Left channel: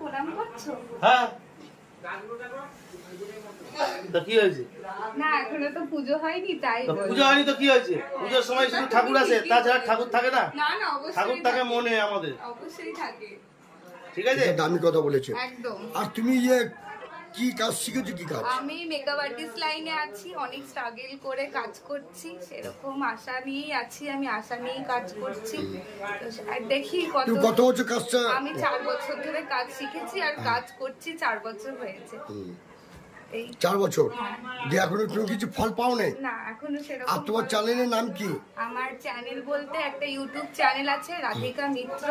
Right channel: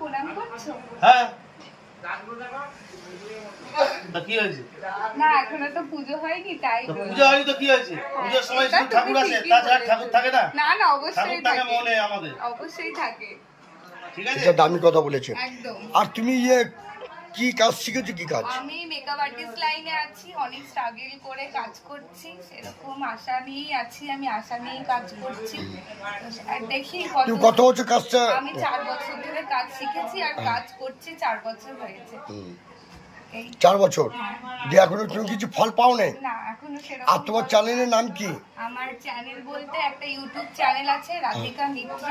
প্রণাম করছো? হ্যাঁ কি হয়েছে? না এখনো তো পুজো হয়নি, তাই পুজো হয়নি তো কি হয়েছে? পুজোর সময় শুধু ঠাকুর আসে, তাছাড়া ঠাকুর থাকে না? না না, অবশ্যই ঠাকুর থাকে মনে আমাদের, অবশ্যই থাকে। ঠিক আছে, এটা দামি কথা বলেছে। একদম। আর তুমি কি কাজ শিখেছো? কি কাজ? আমি মেকআপ আর্টিস্ট লাইনে আছি, অনেক স্ট্রাগল করে কাজ করছি, সেরকম আশা নিয়েই আছি, আমি আশা নিয়েই কাজ করছি। দেখি কত বছর কাজটা? আমি 4 বছর ধরে কাজ শিখেছি আর কাজ করছি, 4 বছর হয়েছে। 4 বছর দিয়ে এখনো তুমি কিছু ফল পাও নাই? না এখনো সেরকম। আর তোমার চ্যানেলের নাম কি? আমার চ্যানেল বলতে একটা ইউটিউব চ্যানেল আছে রাধিকা মিত্র,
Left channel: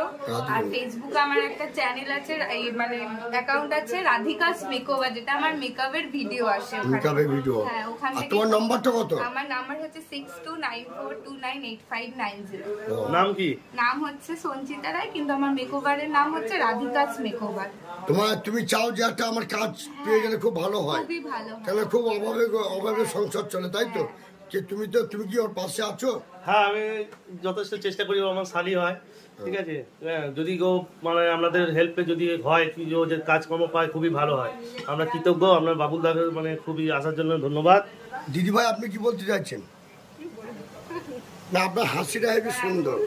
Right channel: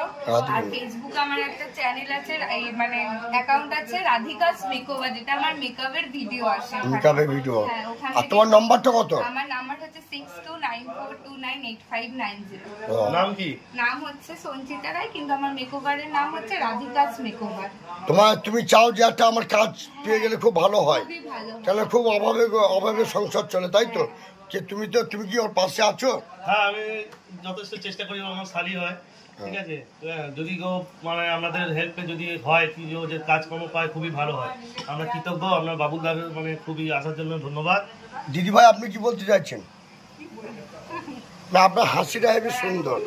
আর ফেসবুকে আমার একটা চ্যানেল আছে, এই মানে অ্যাকাউন্ট আছে রাধিকাস মেকওভার, যেটা আমার মেকআপের ভিডিও আসে। মেকআপের ভিডিও। হ্যাঁ, ওখানে। আর তোমার নাম্বারটা কত? আমার নাম্বার হচ্ছে 6294298590। নাম কি? নাম হচ্ছে সঞ্চিতা রায়, কিন্তু আমার মেকওভারের নাম হচ্ছে রাধিকাস মেকওভার। তুমি চাও যে একটা আমার কাজ পেয়ে গেলে খুব ভালো হয়, তাহলে খুব অভাবে সংসার চলে, তাই তো? তুমি কি ওর পাশে আছো? হ্যাঁ, আমি যথেষ্ট চেষ্টা করি, আমার শালি হয়, ঠিক আছে। যদি মানে আমাদের হেল্পে যদি হয় কি যে কাজকর্ম পায়, খুবই ভালো হয়। আমরা কৃতজ্ঞ, আমরা বাবুদার মানে খুবই আসার জন্য ধন্যবাদ। দিদি ভাই, আপনি কি বলতে চাইছেন? না, আপনার হাসিটা হেবি সুন্দর।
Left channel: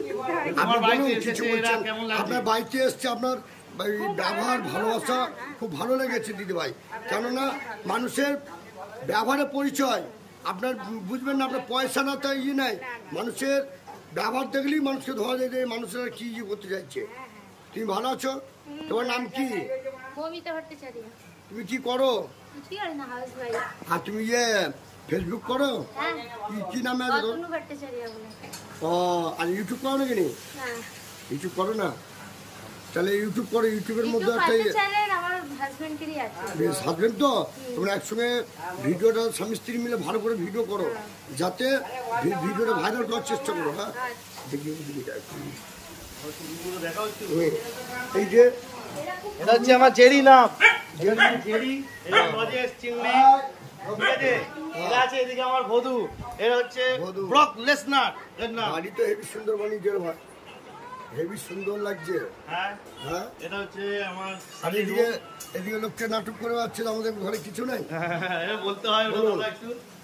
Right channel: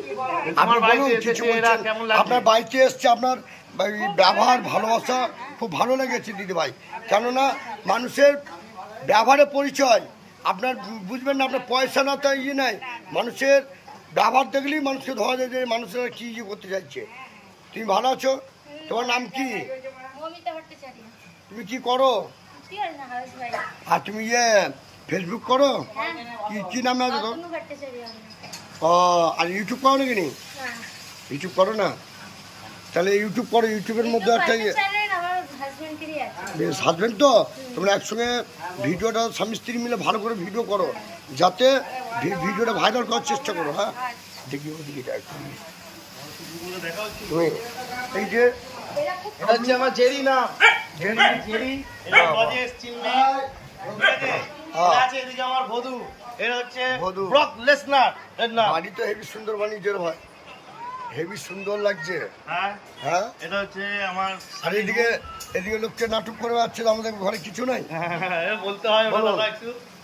আপনি বলুন কিছু বলছেন। আপনার বাড়িতে এসছে, আপনার ব্যবহার ভালোবাসা খুব ভালো লেগেছে দিদি ভাই। কেননা মানুষের ব্যবহারের পরিচয় আপনার বুঝবেন না, আপনার পয়সা না তো নাই, মানুষের ব্যবহার দেখলেই মানুষকে ধরা যায় যে মানুষেরা কি করতে চাইছে। তুমি ভালো আছো? তোমার নাম কি? তুমি কি করো? আর তুমি ফেসবুক করো? কি নামে আছে তোর? ও, আর ইউটিউব করো নাকি? ইউটিউব করো না? তাহলে ইউটিউব করো, ইউটিউবের মধ্যে একটা বেশ হাজবেন্ড তো তোমরা একসঙ্গে ভিডিওটা স্বামী স্ত্রী মিলে ভালো করে ভিডিও করো, যাতে ভিডিওটা ভাইরাল করার চেষ্টা করো। হ্যাঁ, দেখি তুমি এই যে আমার জেরি নাম, জেরি এদিকে আমার ভদু, এটা হচ্ছে ব্রক লেসনার এর নাম। বাড়ি তো হেভি সুন্দর বানিয়েছে রে ভাই, হেভি সুন্দর লাগছে। হ্যাঁ, এটা হচ্ছে আমার। আর এদিকে লোককে নাটক করে যাচ্ছে, আমাদের ঘরে কিছু নাই বলতে হয়।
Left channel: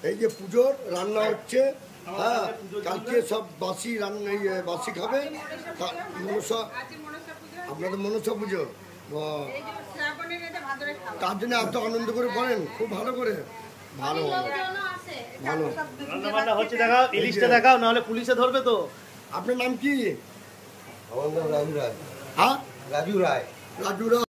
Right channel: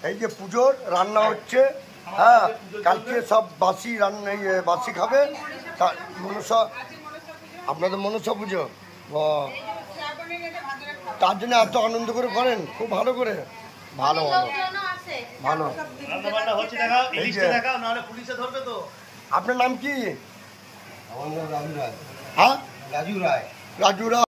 এই যে পুজোর রান্না হচ্ছে, হ্যাঁ, কালকে সব বাসি রান্না, বাসি খাবে। মনসা, আপনাদের মনসা পুজো, তার জন্য এত আনন্দ করে করেন, খুব ভালো করে। ভালো ভালো রান্না বান্না হচ্ছে, দেখাও, লিস্টে দেখাও, নাহলে পুলিশে ধরবে তো। আপনার নাম কি? আমার নাম রাজু রায়। হ্যাঁ, রাজু রায়। রাজু রায়।